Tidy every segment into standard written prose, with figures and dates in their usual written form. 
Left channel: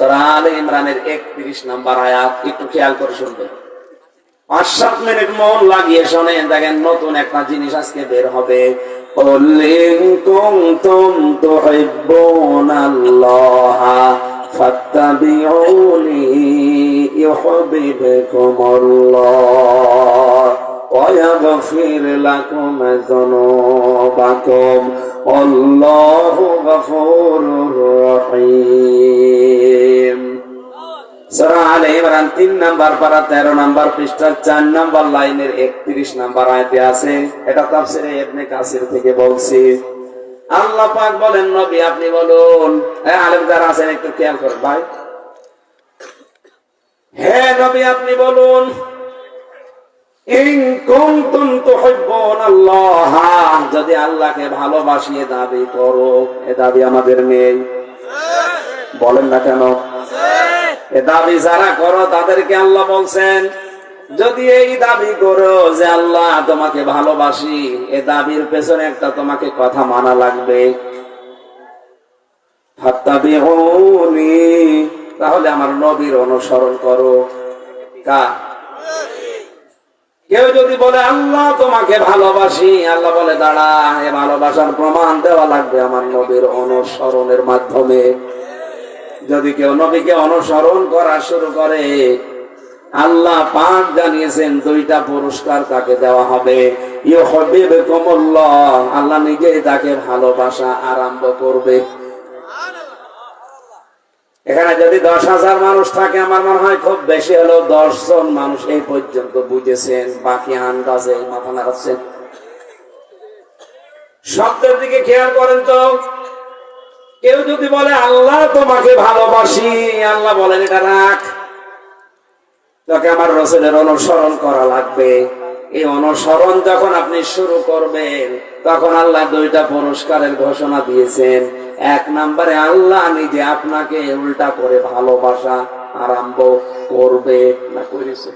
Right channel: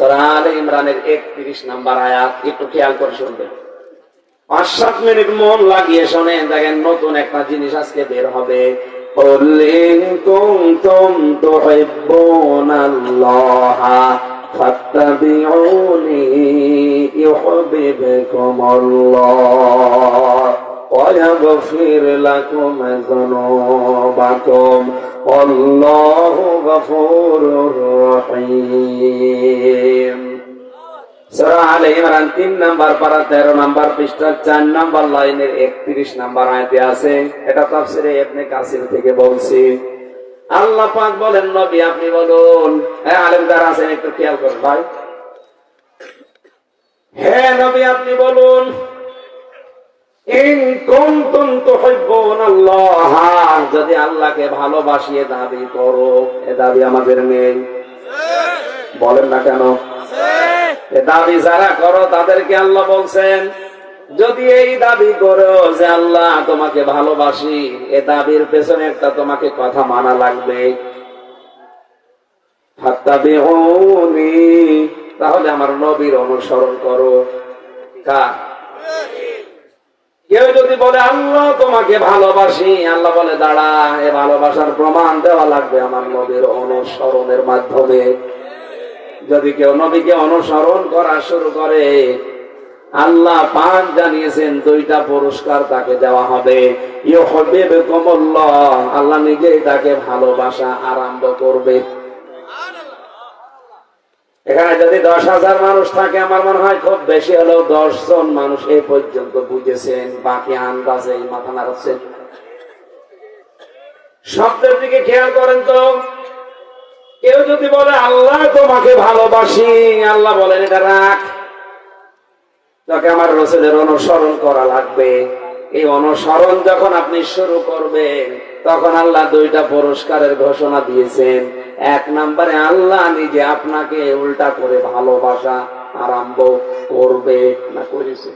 সূরা আলে ইমরানের 31 নম্বর আয়াত, একটু খেয়াল করে শুনবেন। 5-7 মিনিট মন লাগিয়ে শুনেন, দেখেন নতুন একটা জিনিস আজকে বের হবে। قُلْ إِن كُنتُمْ تُحِبُّونَ اللَّهَ فَاتَّبِعُونِي يُحْبِبْكُمُ اللَّهُ وَيَغْفِرْ لَكُمْ ذُنُوبَكُمْ وَاللَّهُ غَفُورٌ رَّحِيمٌ। সূরা আলে ইমরান 3 নম্বর পারা 13 নম্বর পৃষ্ঠা 4 নম্বর লাইনের 31 নম্বর আয়াতে আছে। এটা তাফসীরে ইবনে কাসির থেকে বলছি। আল্লাহ পাক বলেন, নবী আপনি বলুন। আলেম যারা আছেন একটু খেয়াল করুন ভাই। হে নবী আপনি বলুন, ইন কুনতুম তুহিব্বুনাল্লাহ, যদি আল্লাহকে ভালোবাসিয়ে দাবি করো। এ দাবি আমাদের নেই, বলেন না কেন? এ দাবি যারা করো তাদেরকে আল্লাহ বলছেন, যদি এই দাবি করো যে আল্লাহ তোমাকে ভালোবাসি, এ দাবির পেছনে একটা তোমাকে কথা মানা লাগবে। ফাত্তাবিউনি, তাহলে আমার নবীর অনুসরণ করো। কার? কেউ যদি বলে আল্লাহ তোমাকে ভালোবাসি, আল্লাহ বলে দাঁড়া, এ ভালোবাসার প্রমাণ দেওয়া লাগবে আমার নবীর অনুসরণের মাধ্যমে। যদি কেউ নবীকে অনুসরণ করা শুরু করে, আল্লাহ পাক জানিয়েছেন 2টা পুরস্কার তাকে দেওয়া হবে। ইউহিব্বুকুমুল্লাহ, আল্লাহ নিজেই তাকে ভালোবাসা আরম্ভ করবে। এখানে যদি 10,000 মানুষ থাকে, আমার মনে হয় খুব বেশি হলেও 10 জন মানুষ এই পর্যন্ত বুঝেছেন, বাকি আন্দাজে মাথা নাড়াচ্ছেন। শব্দের দিকে খেয়াল করেন তো। কেউ যদি বলে আল্লাহ তোমাকে ভালোবাসি, আল্লাহ বলেন এটা রাখ, তোকে আমার রাসূলের অনুসরণ করা লাগবে। এই অনুসরণ যখন আপনি শুরু করবেন, তখন আল্লাহ 2টা পুরস্কারের ঘোষণা দিয়েছেন। 1 নম্বরে আল্লাহ নিজে আপনাকে উল্টা করে ভালোবাসা আরম্ভ করবে, না করেছে?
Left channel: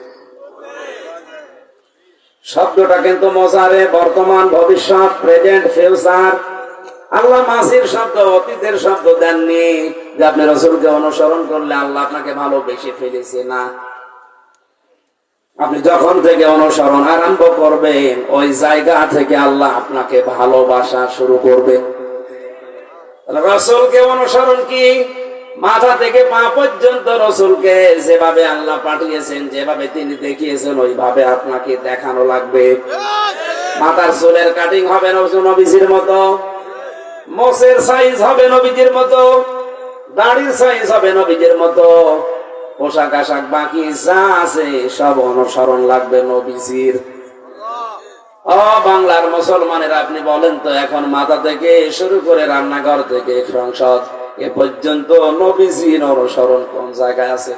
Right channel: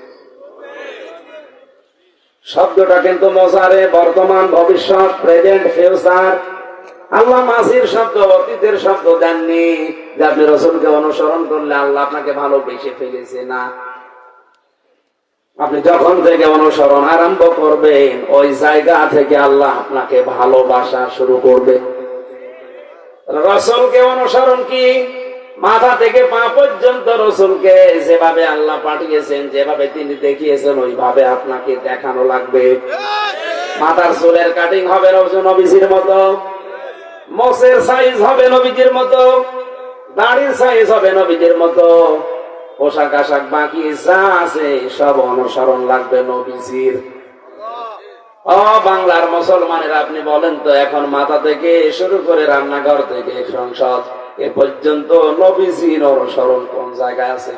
শব্দটা কিন্তু মজারে, বর্তমান, ভবিষ্যৎ, প্রেজেন্ট, ফিউচার। আল্লাহ মাঝির শব্দ, অতীতের শব্দ দেননি যে আপনি রাসূলকে অনুসরণ করলে আল্লাহ আপনাকে ভালোবেসে ফেলেছে, না। আপনি যখন থেকে অনুসরণ আরম্ভ করবেন, ওই জায়গা থেকে আল্লাহ আপনাকে ভালোবাসা শুরু করবে। রাসূলকে অনুসরণ কি? মাথা থেকে পা পর্যন্ত রাসূলকে যেভাবে আল্লাহ পাঠিয়েছেন, যেভাবে তিনি দেখিয়েছেন, ওইভাবে আপনাকে দেখানো লাগবে। মাথার চুলের কাটিং হবে নবীজির মতো, মোছের সাইজ হবে নবীজির মতো, দাড়ির সাইজ হবে নবীজির মতো, পোশাক আশাক বাকি যা আছে সব অনুসরণ লাগবে নবীজির। ও বাংলার মুসলমানেরা, আপনি বলেন তো, এখন মাথা থেকে শুরু করে রান্নাঘর থেকে সংসদ এ পর্যন্ত নবীজির অনুসরণ কোন জায়গায় আছে?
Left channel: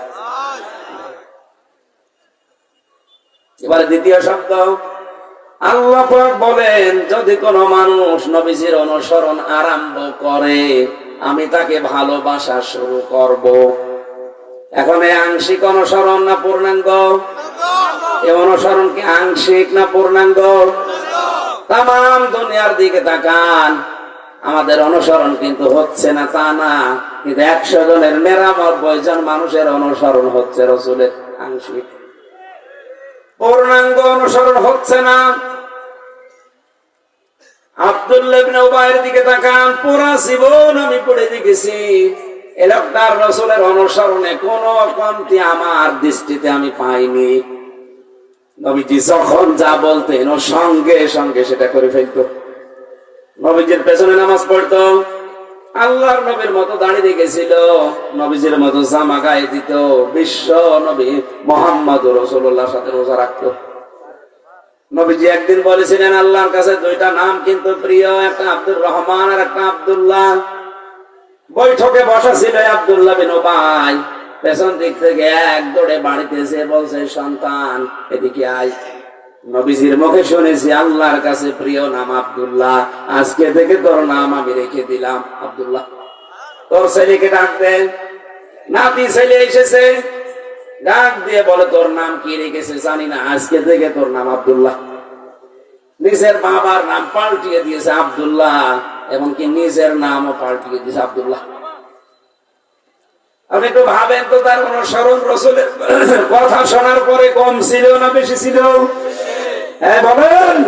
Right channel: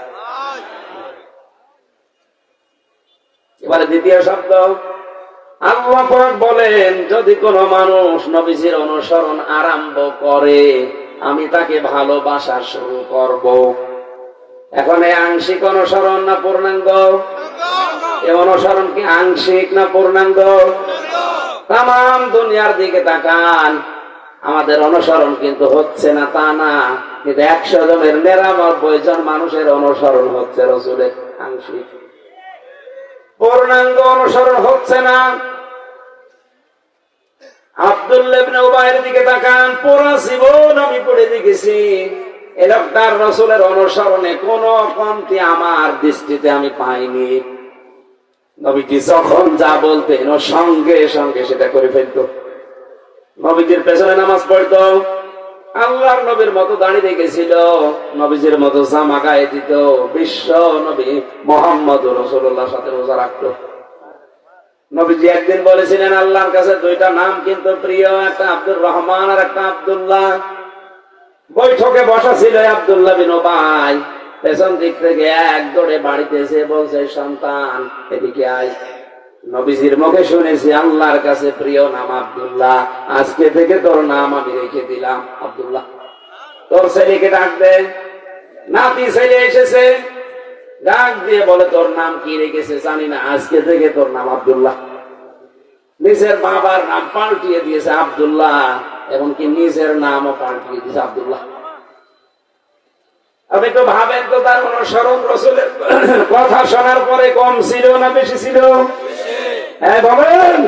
এবারে দ্বিতীয় শব্দ, আল্লাহ পাক বলেন, যদি কোন মানুষ নবীজির অনুসরণ আরম্ভ করে, আমি তাকে ভালোবাসা শুরু করব। এখন এই আংশিক অনুসরণ না পূর্ণাঙ্গ? এই অনুসরণ কি আংশিক না পূর্ণাঙ্গ? তাম দুনিয়ার দিকে তাকান, আমাদের অনুসরণ কিন্তু হচ্ছে না তা না, কিন্তু 100 জনের 99 জন মানুষের অনুসরণ হচ্ছে রাসূলের আংশিক। পূর্ণাঙ্গ অনুসরণ হচ্ছে না। আব্দুল্লাহ ইবনে উবাইয়ের দিকে তাকান, পুরা জীবন আমি পড়ে দেখেছি, এই লোকটার রাসূলের অনুসরণে কোনো কমতি আমার দৃষ্টিতে আমি পাইনি। নবীজি যখন যা বলতেন, ও সঙ্গে সঙ্গে সেটা করে ফেলতো। নবীজির পেছনে নামাজ পড়তো, আল্লাহর নবীর মতো দাঁড়িয়ে রেখেছিল, নবীজির মতো জামা গায়ে দিত, বিশ্ব নবী মুহাম্মদ রাসূলুল্লাহর সাথে রোজা রাখতো। নবীজি একদিন বলেছিলেন, আল্লাহর কাছে 2টা নাম কিন্তু প্রিয়, একটা আব্দুর রহমান আর একটা আব্দুল্লাহ। বৈঠকে বসা ছিল আব্দুল্লাহ বিন উবাই, পেছন দিক থেকে এক দৌড়ে বাড়িতে এসে বলছে, সন্তান এদিকে আয়। নবীজির মুখে শুনেছি, আল্লাহর কাছে প্রিয় নাম আব্দুল্লাহ, আজকে থেকে তোর নাম আমি রেখে দিলাম আব্দুল্লাহ। তোর ছেলেকে ডাক দে। নাতি ছেলে এসেছে, ডাক দিয়ে বলে, তোর নাম কি রেখেছে জানি না, আজকে থেকে তোর নাম আব্দুল্লাহ। নিজের বাবার নাম পাল্টিয়ে দিয়েছে আব্দুল্লাহ, এমনকি নিজের নামও পাল্টিয়ে দিয়েছে আব্দুল্লাহ। আপনি তো ভাবেন তো তার অনুসরণ রসুলের কথা শোনার পরে কম ছিল না বেশি ছিল? হ্যাঁ বলেন।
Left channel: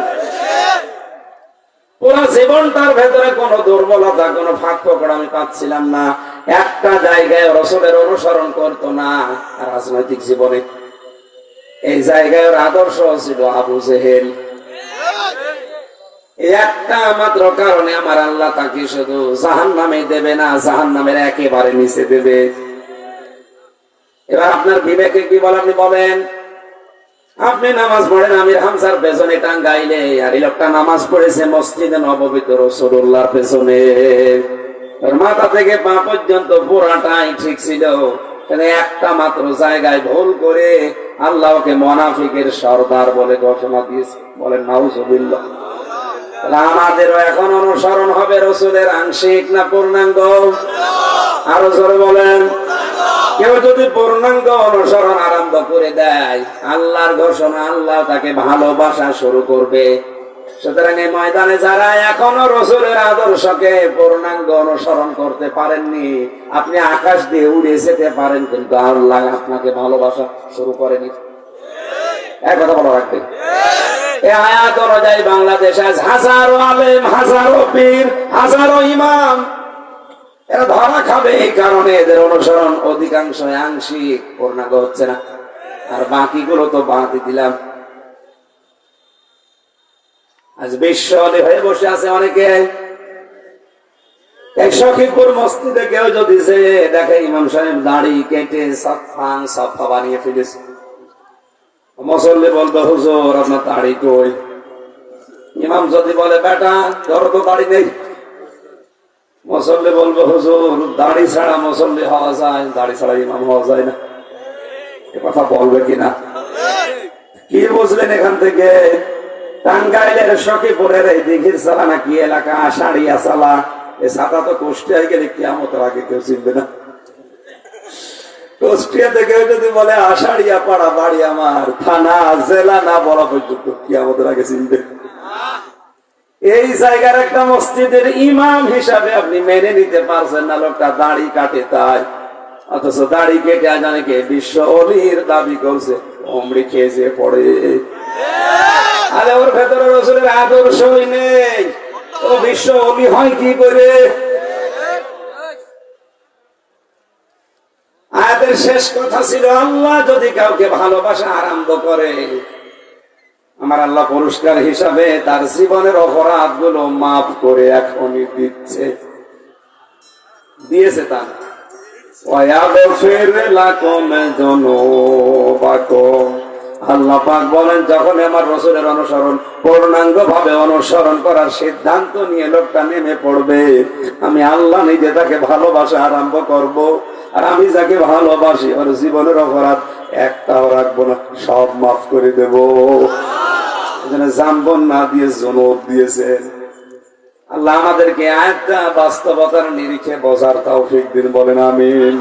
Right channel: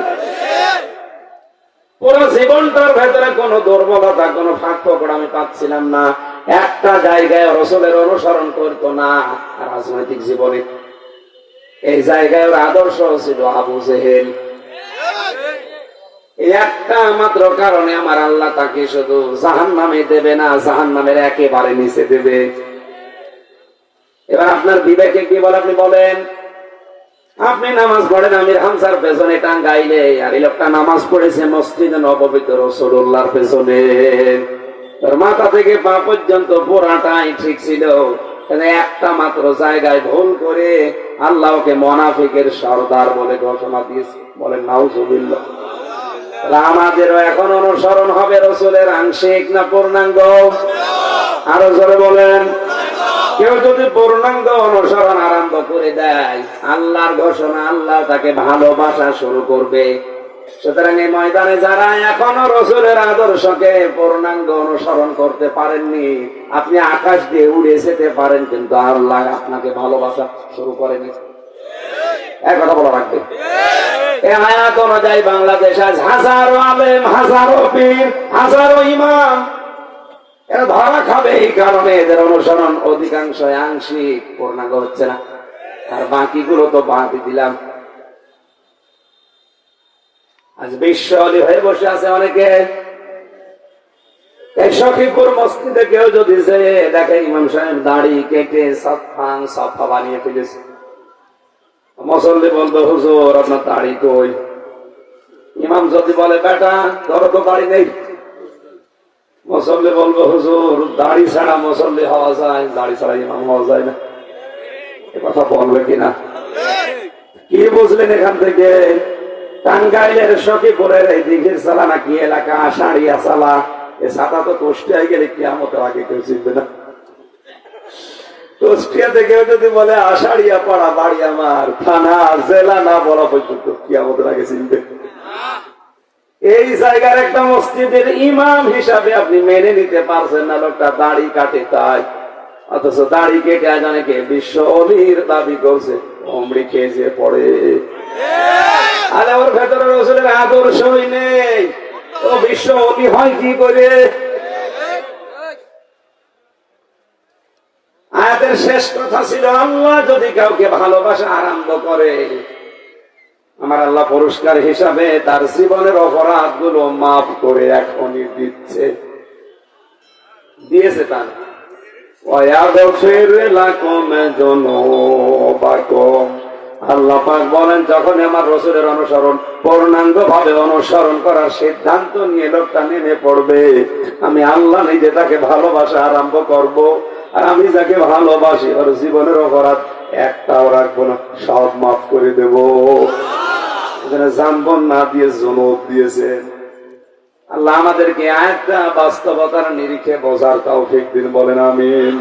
পুরো জীবনটার ভেতরে কোনো দুর্বলতা, কোনো ফাঁক ফোকড় আমি পাচ্ছিলাম না। একটা জায়গায় রসুলের অনুসরণ করতো না রাজনৈতিক জীবনে। এই জায়গায় ওর আদর্শ ছিল আবু জেহেল। একটা মাত্র কারণে আমার আল্লাহ তাকে শুধু জাহান্নামে দেবে না, জাহান্নামের একেবারে নিচে দেবে। এবার আপনার বিবেকে কি বলে আপনি বলেন? আপনি নামাজ পড়েন আমির হামজার পেছনে টাঙ্গাইলে, আর এই লোকটা নামাজ পড়েছে মসজিদে নববীতে রাসূলুল্লাহর পেছনে। ওর মাথা থেকে পা পর্যন্ত পুরাটাই ঠিক ছিল, একটা মাত্র জায়গায় ভুল করে আল্লাহ ওকে মুনাফিকের সর্দার বলে ঘোষণা দিয়েছে। বলেন নাউজুবিল্লাহ। আমাদেরও এখন অনুসরণ হবে রসুলের আংশিক না পূর্ণাঙ্গ? আরো জোরে বলেন। কেউ যদি পূর্ণাঙ্গ অনুসরণ আরম্ভ করে দেয়, আল্লাহর ঘোষণা, আল্লাহ তাকে ভালোবাসা শুরু করবে। সুতরাং এই ময়দানে যারা এখনো রসুলের আদর্শকে পূর্ণাঙ্গ অনুসরণ করতে পারেননি, আপনি আকাশ দিয়ে উড়ে যেতে পারেন, কিন্তু আল্লাহ আপনাকে ভালোবাসা শুরু করেনি। এক কথা বলা রাখবে। এই আয়াত অনুযায়ী বাংলাদেশে আজ হাজারো আলেম, হাজারো পীর, হাজারো ইমাম এরা ধরা খাবে। এই কারণে এদের অনুসরণ অধিকাংশ আংশিক, পূর্ণাঙ্গ হচ্ছে না। আর বাকিগুলো তো বাদই দিলাম। আজ বিশ্ব হয়ে বসে আছে অনেকে। এক সখীপুর মসজিদে কেউ যদি দেখে ইমাম সাহেব দাড়ি কেটে সাফা বানিয়ে ফেলেছে, মুসল্লি বলবে হুজুর আপনার দাড়ি কই? ইমাম যদি বলে বেটা ধরো তো দাড়ি নেই, মুসল্লি বলবে হুজুর দাড়ি ছাড়া মুসল্লি হওয়া যায়, দাড়ি ছাড়া ইমাম হওয়া যায় না। এ কথা বলবে কিনা? কি বুঝলেন এখান থেকে? টাঙ্গাইলের সখীপুরের এই দিঘির চালা নাকি এলাকা আষাঢ়িয়া চালা, এ ছাতা তো কুষ্টিয়ায় গেলে কিয়ামতের আগে কেউ চিনবে না। কুষ্টিয়া থেকে যদি বলে আষাঢ়িয়া পাড়া বাড়ি আমার, থানা জেলা না বলা পর্যন্ত কিয়ামতের আগে চিনবে। এই জায়গার একটা মসজিদের ইমাম হিসাবে আপনি মেনে নিতে পারছেন না লোকটা দাড়ি কাটে তাই, অথচ দাড়ি কেটে জানে কে বিশ্ব অলির দাবি করছে, অমৃত খেয়েছে পড়ে। আরে ওর ভেতরে রসুলের আদর্শই নেই, ও বিশ্ব অলি হয় কি করে? আয়াতের শেষ কথা ছিল আল্লাহ যদি কাউকে ভালোবাসা আরম্ভ করে, আমার আল্লাহ পুরস্কার হিসাবে তার জীবনের অপরাধ গুলো মাফ করে এখনই দিচ্ছে, দিয়েছে। তার আল্লাহ পাক বলেন যখন আমার রসুলের অনুসরণ পূর্ণাঙ্গ ভাবে অনুসরণ করার সিদ্ধান্ত নিয়ে লোকটা নেমে পড়বে, আমি আল্লাহ নিজে তাকে ভালোবাসা আরম্ভ করব। আর আমি যাকে ভালোবাসি ওর জীবনের অপরাধ একটাও রাখবো না, সব মাফ করে দেব। জানবন না দিয়ে জনক দিয়েছেন আল্লাহ। আমাদেরকে আয়াতটা বাস্তবতার নিরিখে বোঝার তৌফিক দিন, বলেন আমিন।